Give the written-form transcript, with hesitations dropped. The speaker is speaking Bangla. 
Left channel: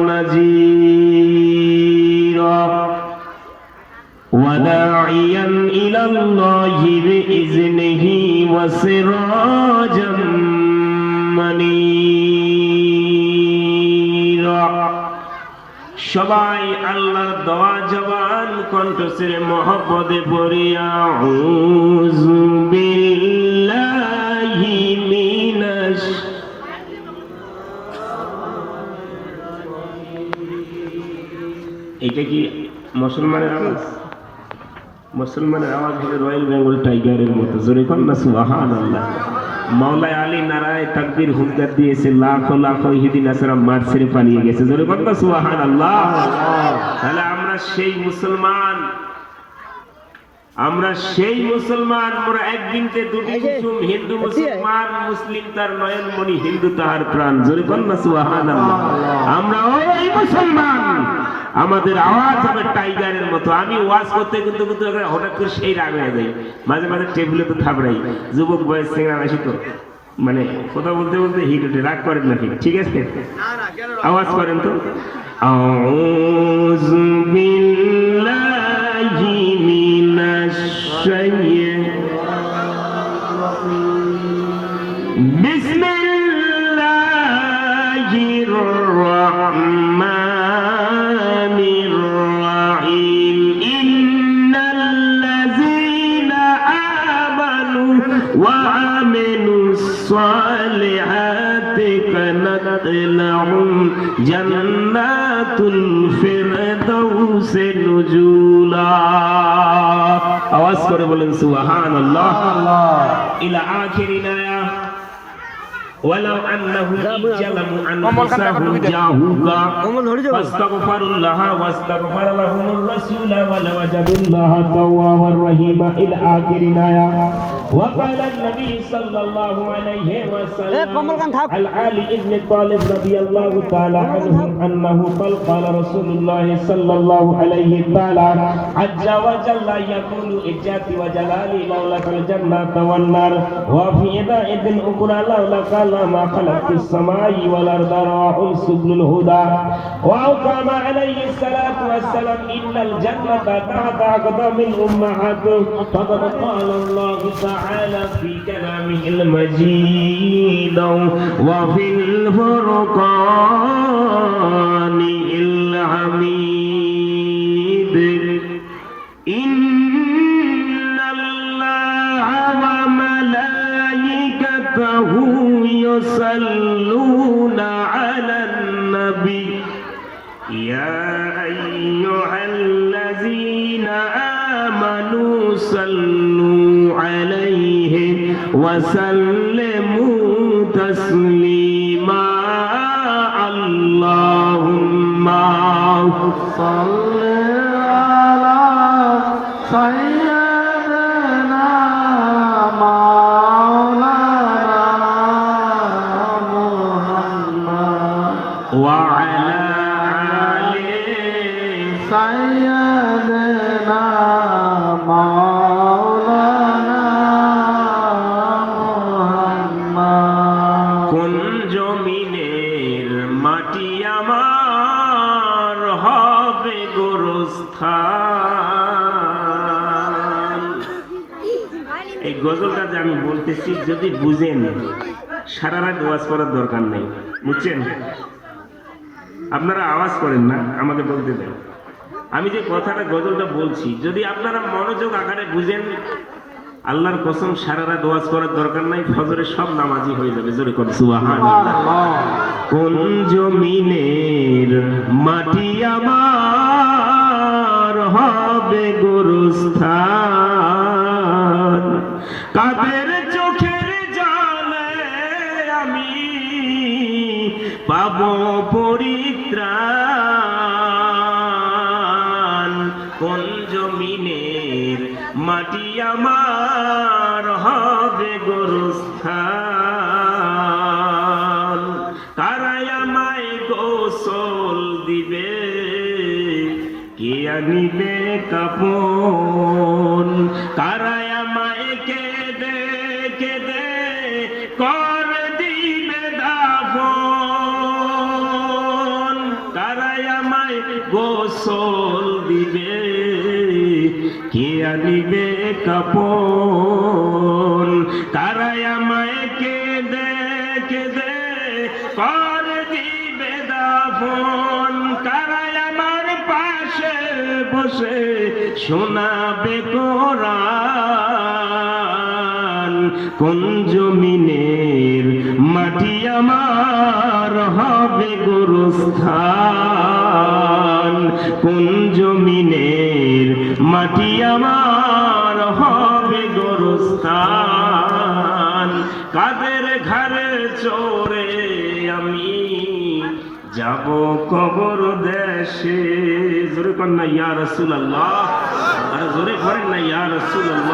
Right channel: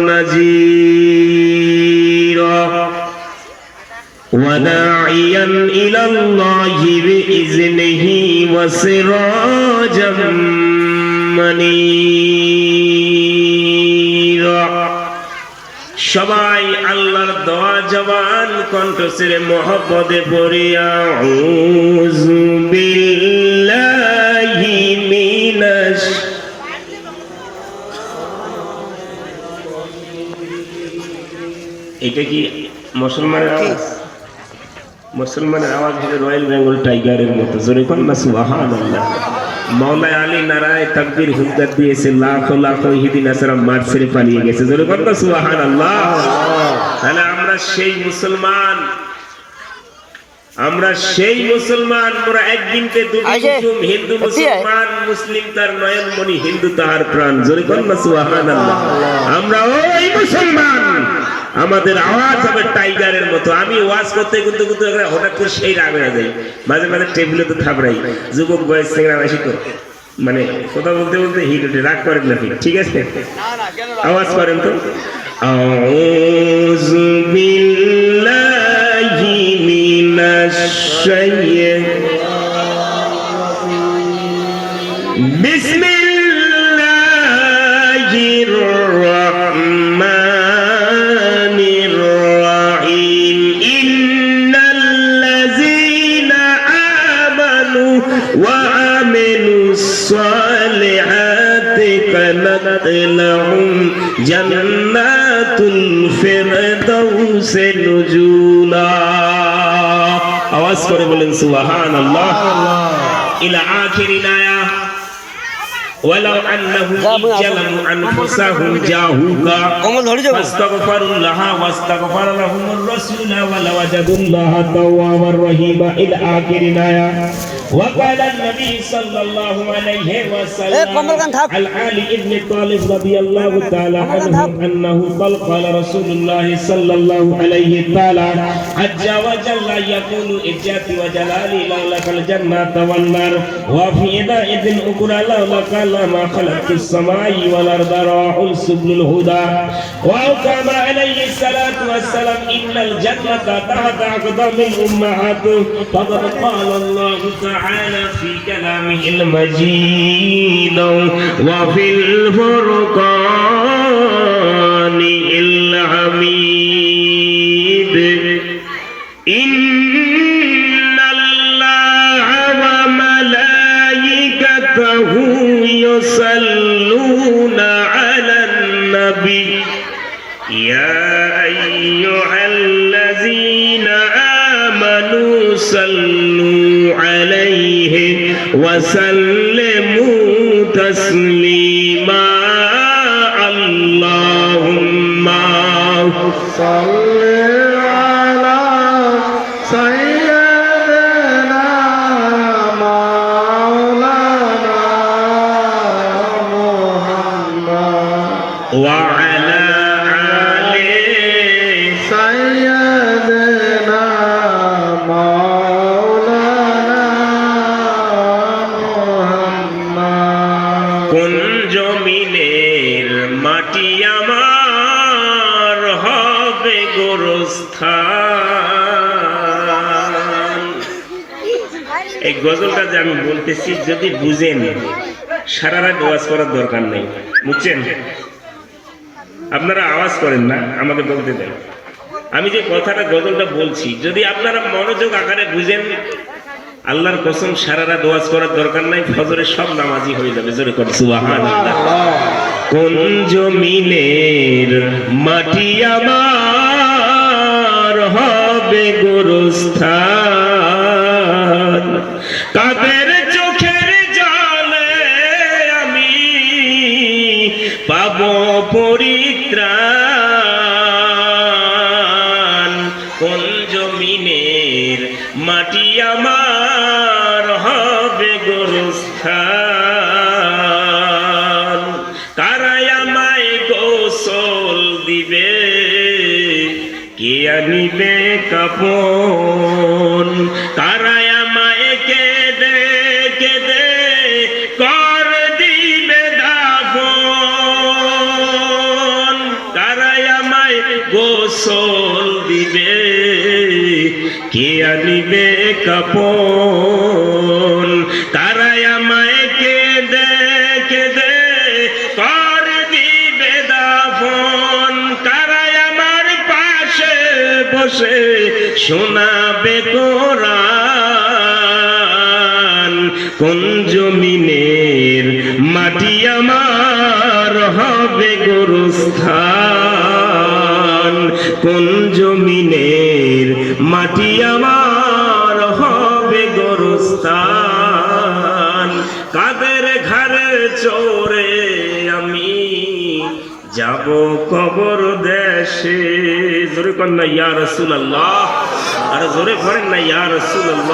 نذيرا وداعيا إلى الله بإذنه وسراجا منيرا সবাই আল্লাহর দোয়া জবান কণ্ঠস্বরে মহব্বতে পড়ি আউযু বিল্লাহি মিনাশ এটা কি মুসলমানের আওয়াজ? মুসলমানের আওয়াজ হলো রয়্যাল বেঙ্গল টাইগারের মতো। জোরে কোন না সুবহানাল্লাহ। মাওলা আলী নারায়ে তাকবীর হুঙ্কার দিয়েছে, লাখো লাখো ইহুদি নাসারা মার ছেড়ে পালিয়ে গেছে। জোরে কোন না সুবহানাল্লাহ। তাহলে আমরা সেই মুসলমান, আমরা মোরা একদিনতে দুটি কুসুম, হিন্দু মুসলমান, মুসলিম তার নয়নমণি, হিন্দু তাহার প্রাণ। জোরে কোন না সুবহানাল্লাহ। আমরা ওই মুসলমান, আমাদের আওয়াজ হবে টাইগারের মতো। আমি ওয়াজ করতে কিন্তু হঠাৎ করে সেই রাগ হয়ে যায়, মাঝে মাঝে টেবিলে তো থাবড়াই। যুবক বয়স সিংড়া বেশি তো মানে কথা বলতে বলতে হিট উঠে, রাগ করেন নাকি? ঠিক আছে, আওয়াজ করেন তো। আউযু বিল্লাহি মিনাশ শাইতানির বিসমিল্লাহির রাহমানির রাহিম। ইন্নাল্লাযীনা আমানু ওয়া আমিলুস সালিহাতি কানাত লাহুম জান্নাতুল ফিরদাউসি নুজুলা। আওয়াজ করে বলেন সুবহানাল্লাহ। ইলা আখিরিল আয়া ولو أنهم ظلموا أنفسهم جاءوك فاستغفروا الله واستغفر لهم الرسول ولوجدوا الله توابا رحيما إلى آخر الآية. وقال النبي صلى الله عليه وسلم عن علي بن طالب رضي الله تعالى عنه أنه قال رسول الله صلى الله عليه تعالى عز وجل يقول إجاتي وجلالي لولاك الجنة والنار وفي يدائذ أخرى لولاك ما خلقت السماء والأرض رواه سبل الهدى. وأقام عليه الصلاة والسلام إن الجنة تحت أقدام الأمهات. فقد قال الله تعالى في كلامه المجيد وفي الفرقان الحميد. إن الله وملائكته يصلون على النبي يا أيها الذين آمنوا صلوا عليه وسلموا تسليما. اللهم صل على سيدنا مولانا محمد وعلى آل سيدنا مولانا محمد. কোন জমিনের মাটি আমার হবে গোরস্থান। এই গজলটা যে আমি বলতেছি যদি বুঝেন, সারা রাত আওয়াজ করার দরকার নেই, বুঝছেন? আপনারা আওয়াজ করেন না, আমাকে বলতে দেন। আমি যে কথাটা গজলটা বলছি যদি আপনারা মনোযোগ আকারে বুঝেন, আল্লাহর কসম সারা রাত ওয়াজ করার দরকার নাই, ফজরে সব নামাজি হয়ে যাবে। জোরে করে সুবহানাল্লাহ। কোন জমিনের মাটি আমার হবে গোরস্থান, কাদের চোখের জলে আমি পাবো পরিত্রাণ। কোন জমিনের মাটি আমার হবে গোরস্থান, কারাই আমায় গোসল দিবে, কে আনিবে কাপন, কারাই আমায় কেঁদে কেঁদে কর দিবে দাফন। আমায় গোসল দিবে, কে আনিবে কাপন, কারাই আমায় কেঁদে কেঁদে কর দিবে দাফন, কারাই আমার পাশে বসে শোনাবে কোরআন, কোন জমিনের মাটি আমার হবে গোরস্থান, কোন জমিনের মাটি আমার হবে গোরস্থান, কাদের ঘরে চোরে আমি যাব কবর দেশে। জোরে কন্যা ইয়া রাসূলুল্লাহ, আর জোরে করেন না ইয়া রাসূলুল্লাহ।